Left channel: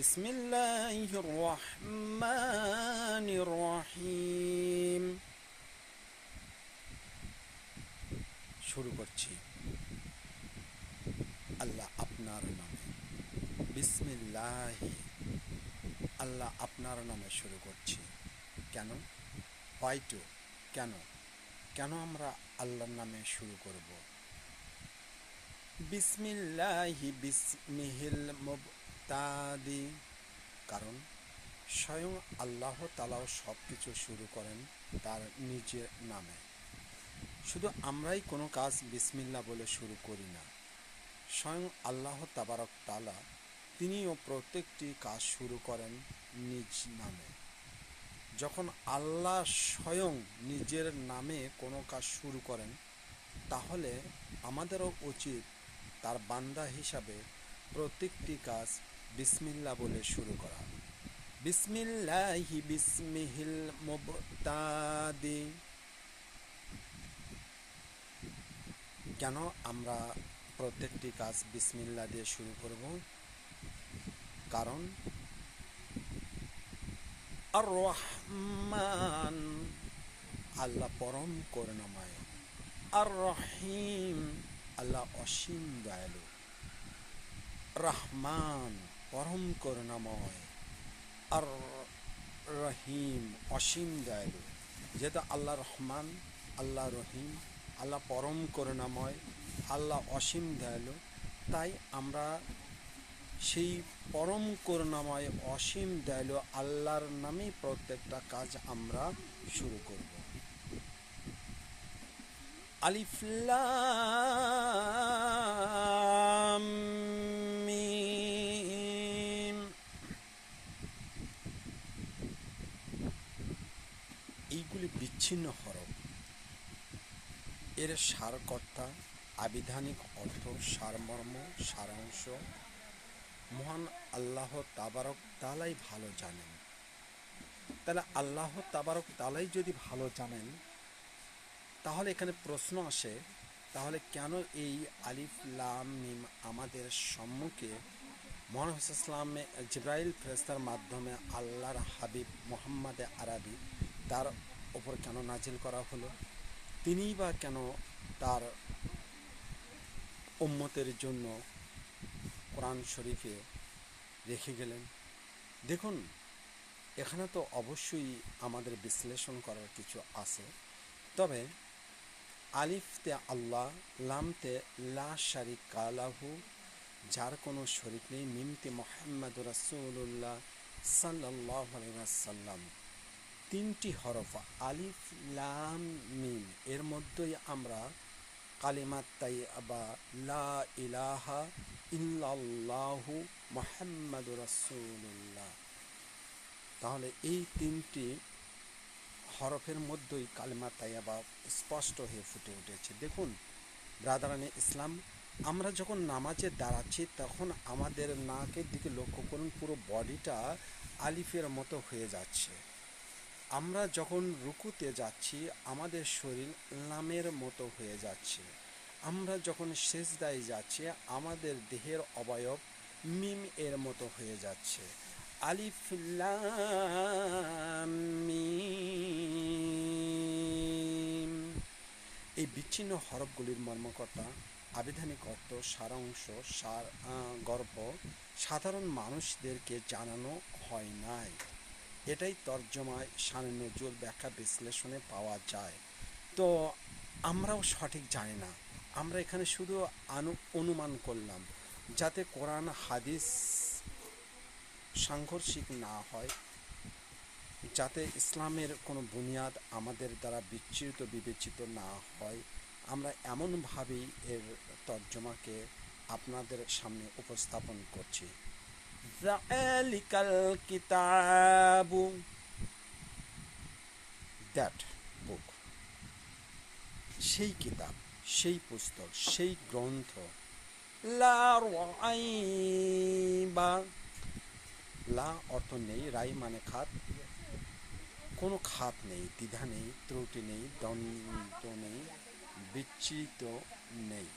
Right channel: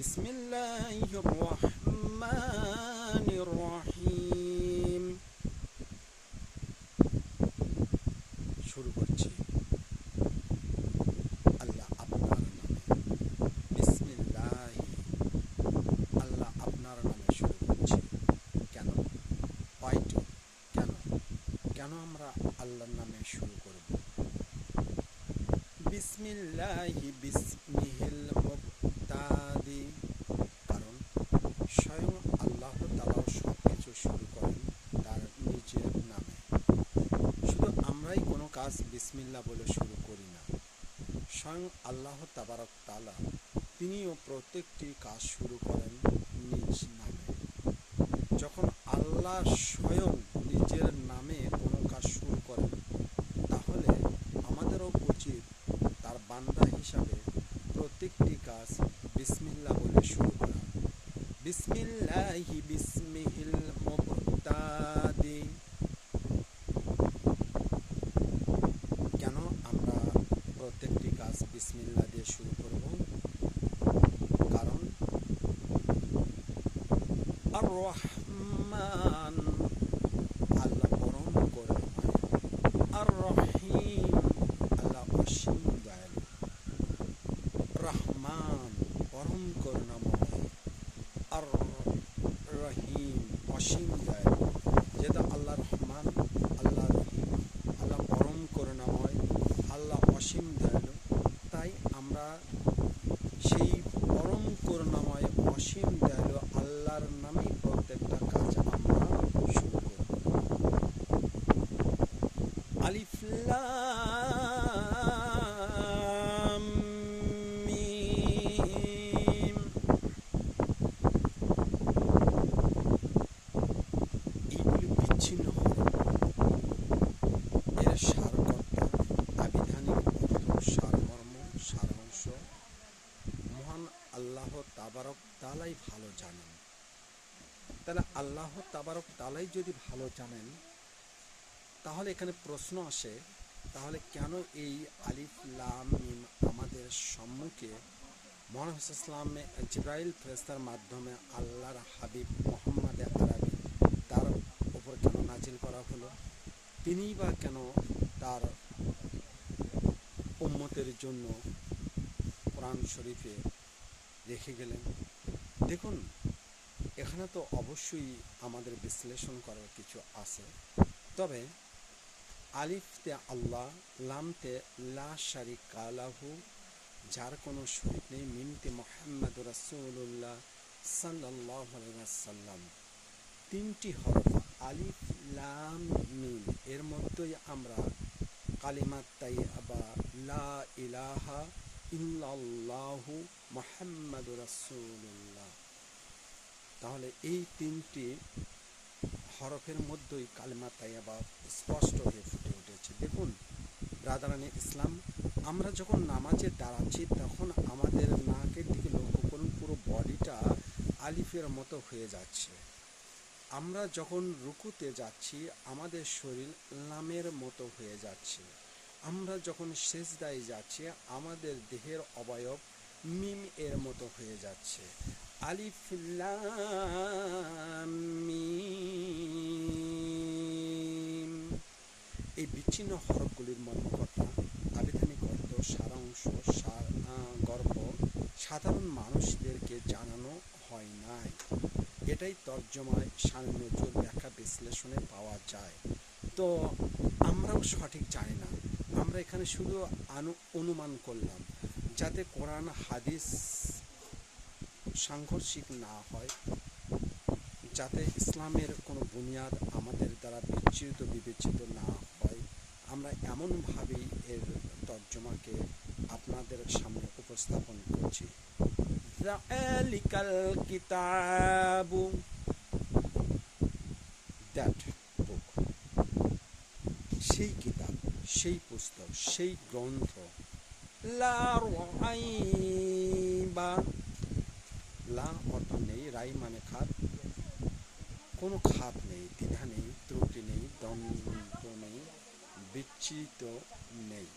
বিসমিল্লাহির রহমানির রহিম। শুরু করছি আল্লাহ আপনার নামে। বিসমিল্লাহি, আল্লাহ আপনার নামে শুরু করছি। কেন? হয়তো কেন আমরা আল্লাহর নামে শুরু করব? বিসমিল্লাহি বিসমিহিল মুবতাদি, কারণ স্বয়ং আল্লাহ তাআলা সব কিছু শুরু করেন তার নিজের নামে। শুধু আমরাই কোনো কাজ বিসমিল্লাহ বলে শুরু করি না, স্বয়ং আল্লাহ তাবারক তাআলা তিনিও প্রত্যেকটি কাজ শুরু করেন নিজ নামে। যখন আল্লাহ স্বয়ং নিজের নামে কোনো কাজ শুরু করেন, তাহলে আমাদেরও উচিত তার বান্দা হিসাবে প্রত্যেকটি কাজ বিসমিল্লাহ বলে শুরু করা। বিসমিল্লাহি বিসমিহিল মুবতাদি। কেন আমরা প্রত্যেকটি কাজ বিসমিল্লাহ দিয়ে শুরু করব? কারণ আর রহমান, আল্লাহ পরম করুণাময়। আর রহিম, আল্লাহ অসীম দয়ালু। রহমান, পরম করুণাময়। আর রহিম, অসীম দয়ালু। যেহেতু আল্লাহ রহমান, আল্লাহ রহিম, আল্লাহ পরম করুণাময়, আল্লাহ অসীম দয়ালু, তাই আমরা সেই পরম করুণাময় অসীম দয়ালু আল্লাহর নামেই প্রত্যেকটা কাজ আমরা শুরু করব। আলিফ লাম মিম। এইগুলি বিচ্ছিন্ন হরফ। এর সারকর্তা, আবিধানিক অর্থ, সারমর্ম, সারাংশ মহান আল্লাহ তাবারক তাআলাই ভালো জানেন। তাহলে আল্লাহ তাবারক তাআলাই যদি ভালো জানেন, তাহলে এখানে প্রশ্ন আসে, তাহলে কেন এই আলিফ লাম মিম আমাদের সম্মুখে মুহাম্মদ ইসলামে জিবরাইল ফেরেশতার মাধ্যমে আল্লাহর হাবিব মুহাম্মদ আরবি তার ওপর কেন নাজিল করা হলো? তিনিই বা কেন তার উম্মতের জন্য কোরআন শরীফে রেখে গেলেন? দেখুন, এখানে তো অবশ্যই আমাদের বিশ্লেষণ করার কিছু আছে। তবে আলিফতে আল্লাহ, লামতে লা শারিকা লাহু, যার কোনো শরীক নেই, মিমতে মুহাম্মাদুর রাসূলুল্লাহ সাল্লাল্লাহু আলাইহি ওয়াসাল্লাম, তিনটি হরফ আলিফ লাম মিম, এর মধ্যেই আমরা কালিমাত তাইয়্যিবা লা ইলাহা ইল্লাল্লাহু মুহাম্মাদুর রাসূলুল্লাহ। তাহলে এই তিনটি হরফের মধ্যেই কালিমা তাইয়্যিবা স্পষ্ট হয়ে ফুটে উঠেছে। দেখুন ব্রাদারানে ইসলাম, আমরা যখন নামাজে দাঁড়াচ্ছি তখন আমাদের নাকের দিকে লক্ষ্য করুন, পুরো বডিটা আলিফের মতো হয়ে যাচ্ছে। আমরা যখন রুকুতে যাচ্ছি আমাদের শরীর লামের মতো হয়ে যাচ্ছে। আমরা যখন সিজদায় যাচ্ছি আমাদের দেহের অবয়ব মিম এর মতো হয়ে যাচ্ছে। আলিফ লাম মিম, এই বিচ্ছিন্ন হরফগুলির মর্মকর্তা, আবিধানিক অর্থ, সারাংশ, গর্ভ সাধারণ মানুষদেরকে জানানো হয় নাই। এটাই তর্জমায় শানে নজুল ব্যাখ্যা বিশ্লেষণে পাওয়া যায়। তো আমরাও সঠিক জানি না, আমরা এখানে শুধু অনুমান করলাম, যাতে কোরআন হাদিস সাংঘর্ষিক না হয়, যাতে ইসলামের কোনো বুনিয়াদ আমাদের দ্বারা বিবেচিত না হয়, আমরা এমনভাবেই এর তর্জমাকে আপনাদের সামনে উপস্থাপন করছি। যালিকাল কিতাবু, দ্যাট বুক, সেই কিতাব, সেই পুস্তক, সেই গ্রন্থ, লা রাইবা, লা অর্থ নেই, রাই মানে খাত, কোনো খাত নেই, দ্বিধা নেই, ত্রুটি নেই, দ্বন্দ্ব নেই, বিচ্যুত নেই।